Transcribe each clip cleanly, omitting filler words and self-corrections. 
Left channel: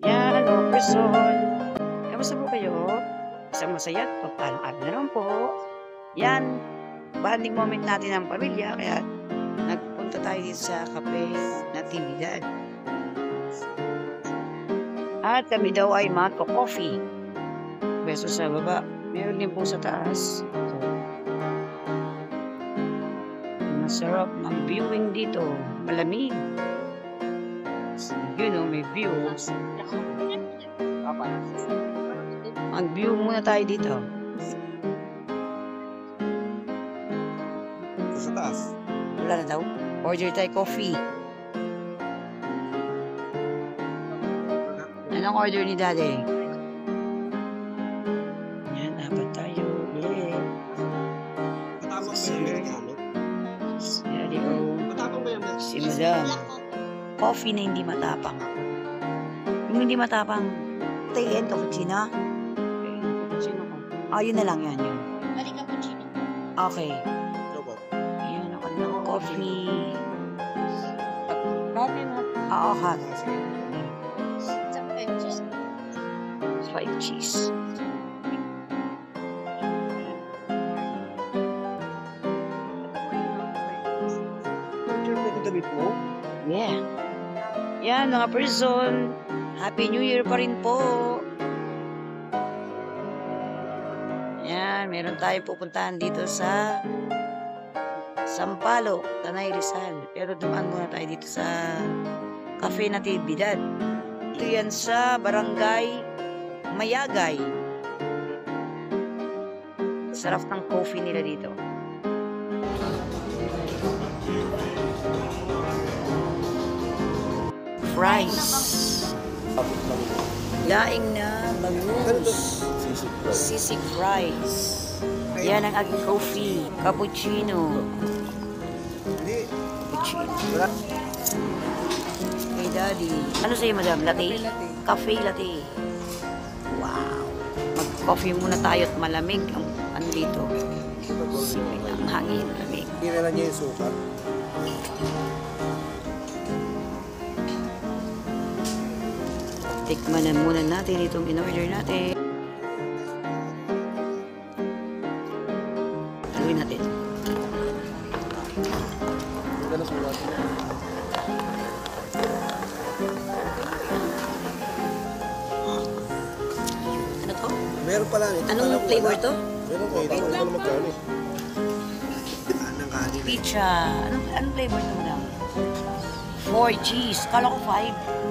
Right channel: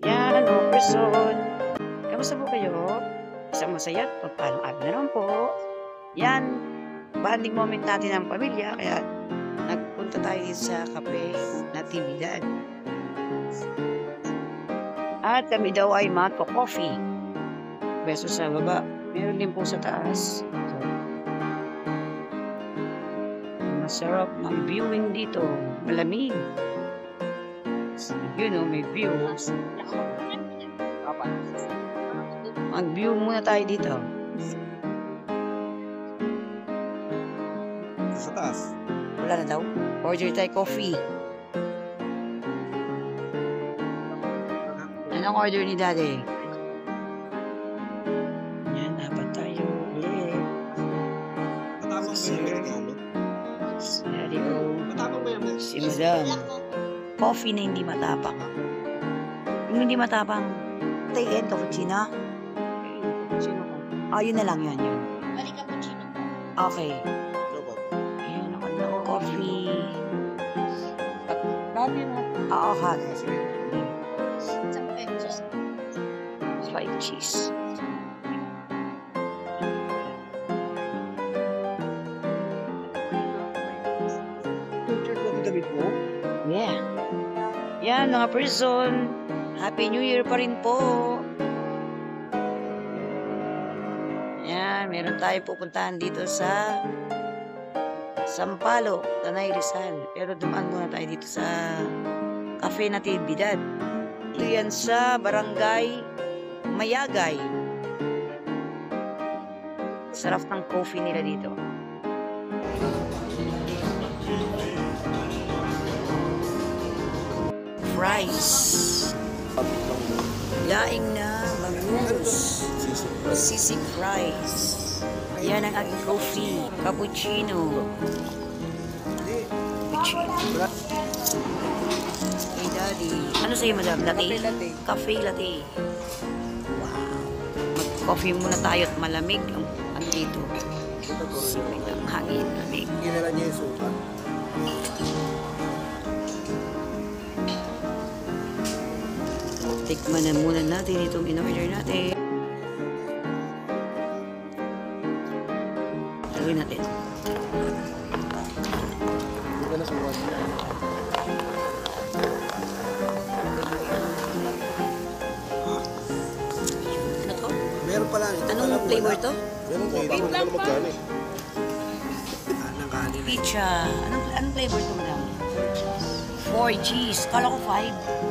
Yan, mga person. Kamusta po kayo? Isang masaya at pagpalang araw na naman po. Yan, bonding moment natin ng pamilya, kaya nagpunta tayo dito sa cafe Natividad. At kami daw ay magko-coffee. Beso sa baba. Meron din po sa taas. So, masarap mag-viewing dito. Malamig. You know, may view. Mag-view muna tayo dito. Sa taas. Wala na daw. Order tayo coffee. Anong order ni Daddy? Yan, apat tayo. Ulit. Matapang ba yung Amerikano? Si Daddy O. Matapang ba yung Amerikano? Si Madam. Coffee na hindi matapang. Yung hindi matapang, tea and cappuccino? Cappuccino ko. Ah, yun na lang yun. Balik cappuccino po. Okay. Joke. Ayan, ang kanilang coffee. Coffee na. Oo, hot. Sige. Sa pesos. 5 cheese. Picture na ito damit mo? Yeah. Yan, mga person. Happy New Year pa rin po. Yan, meron tayo pupuntahan dito sa Sampaloc, Tanay Rizal. Pero dumaan muna tayo dito sa Cafe Natividad. Ito yan sa Barangay Mayagay. Sarap ng coffee nila dito. Fries. Laing na bangus. Sisig fries. Yan ang aking coffee. Cappuccino. Cappuccino. Hey, Daddy. Ano sa'yo, Madam? Latte? Cafe latte. Cafe latte. Wow. Mag-coffee muna tayo at malamig. Ang ano dito? Sipit ang hangin. Lamig. Ginala niya yung suka. Tikman na muna natin itong in-order natin. Haluin natin. Hindi ka na suka. Ano to? Meron pala. Anong flavor to? Meron kayo. Hindi ko na magkano eh. Anong kanin? Pizza. Anong flavor to, Madam? 4 cheese. Kala ko 5.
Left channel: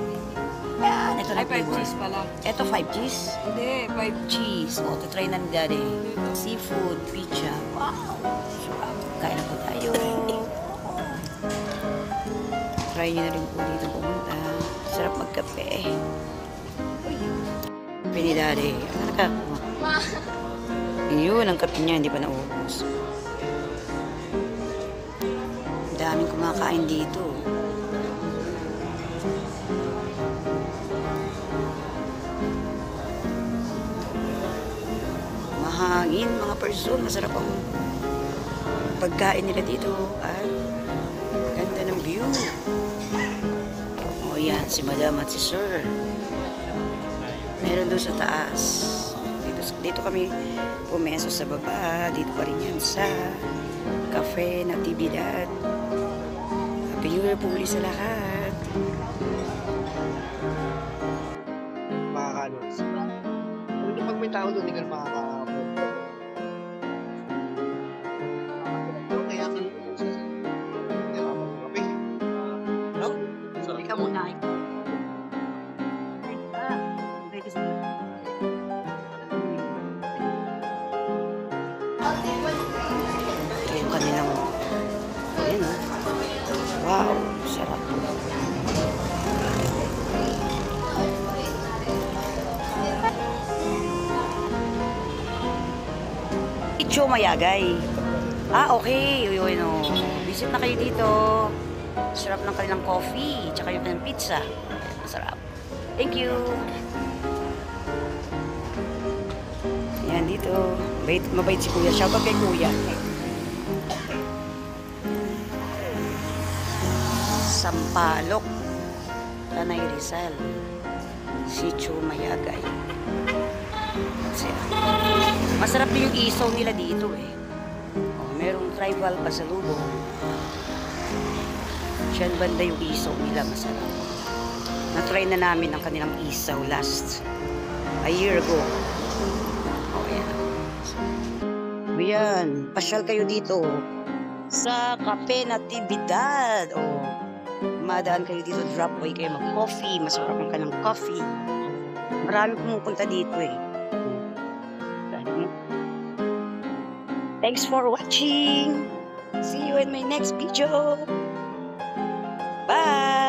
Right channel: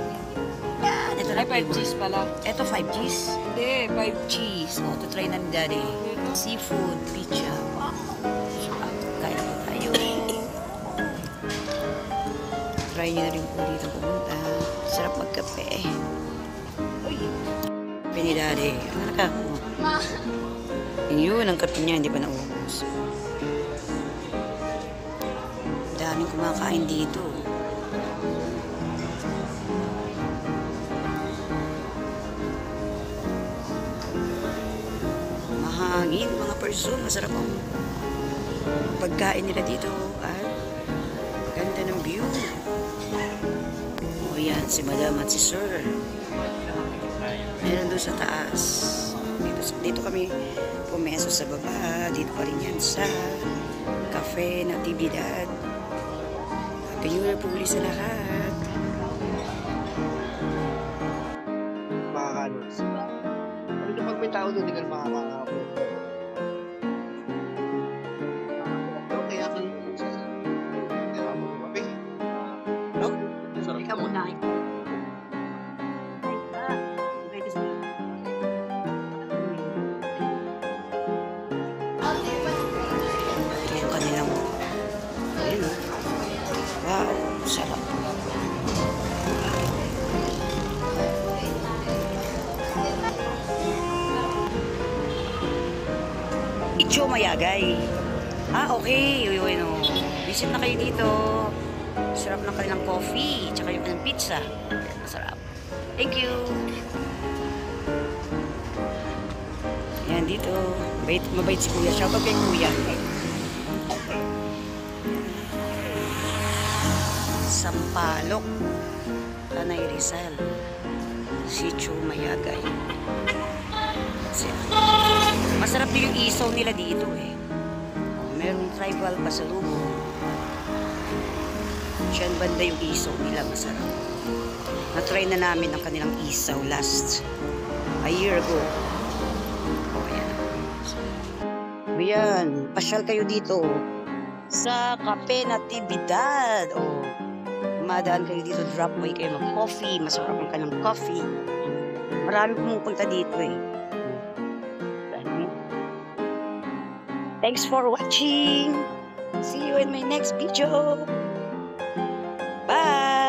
Yan, ito na Ay, 5 flavor. cheese pala. Ito 5 cheese. Hindi, 5 Cheese. O, try na ni Daddy. Seafood, pizza. Wow. Sarap. Kain na po tayo. Try nyo na rin po dito pumunta. Sarap magkape. Uy. Kape ni Daddy. Ano na ka? Yun, ang kape niya. Hindi pa naubos. Daming kumakain dito. Mahangin, mga person. Masarap ang pagkain nila dito. At ganda ng view. O yan, si Madam at si Sir. Meron doon sa taas. Dito kami pumeso sa baba. Dito pa rin yan sa Cafe Natividad. Happy New Year po ulit sa lahat. Makakano. Ano yung pag may tao doon, hindi ka na makakapo. Kaya ka lang siya. Kaya ka mag-kape. No? Ikaw muna. Ay ka. Pwede sa ito yung kanilang ayun o. Wow, sarap po. Icho Mayagay. Ah, okay. Uy, no. Visit na kayo dito. Sarap ng kanilang coffee, tsaka yung kanilang pizza. Masarap. Thank you. Yan, dito. Mabait si Kuya. Shoutout kay Kuya. Sampaloc, Tanay Rizal. Sitio Mayagay. Masarap din yung isaw nila dito eh. Oh, merong tribal pasalubong. Diyan banda yung isaw nila, masarap. Na-try na namin ang kanilang isaw last a year ago. Oh, yan. Ayan, pasyal kayo dito sa Cafe Natividad. O, umadaan kayo dito, drop by kayo mag-coffee. Masarap ang kanilang coffee. Marami pumupunta dito eh. Thanks for watching. See you in my next video. Bye!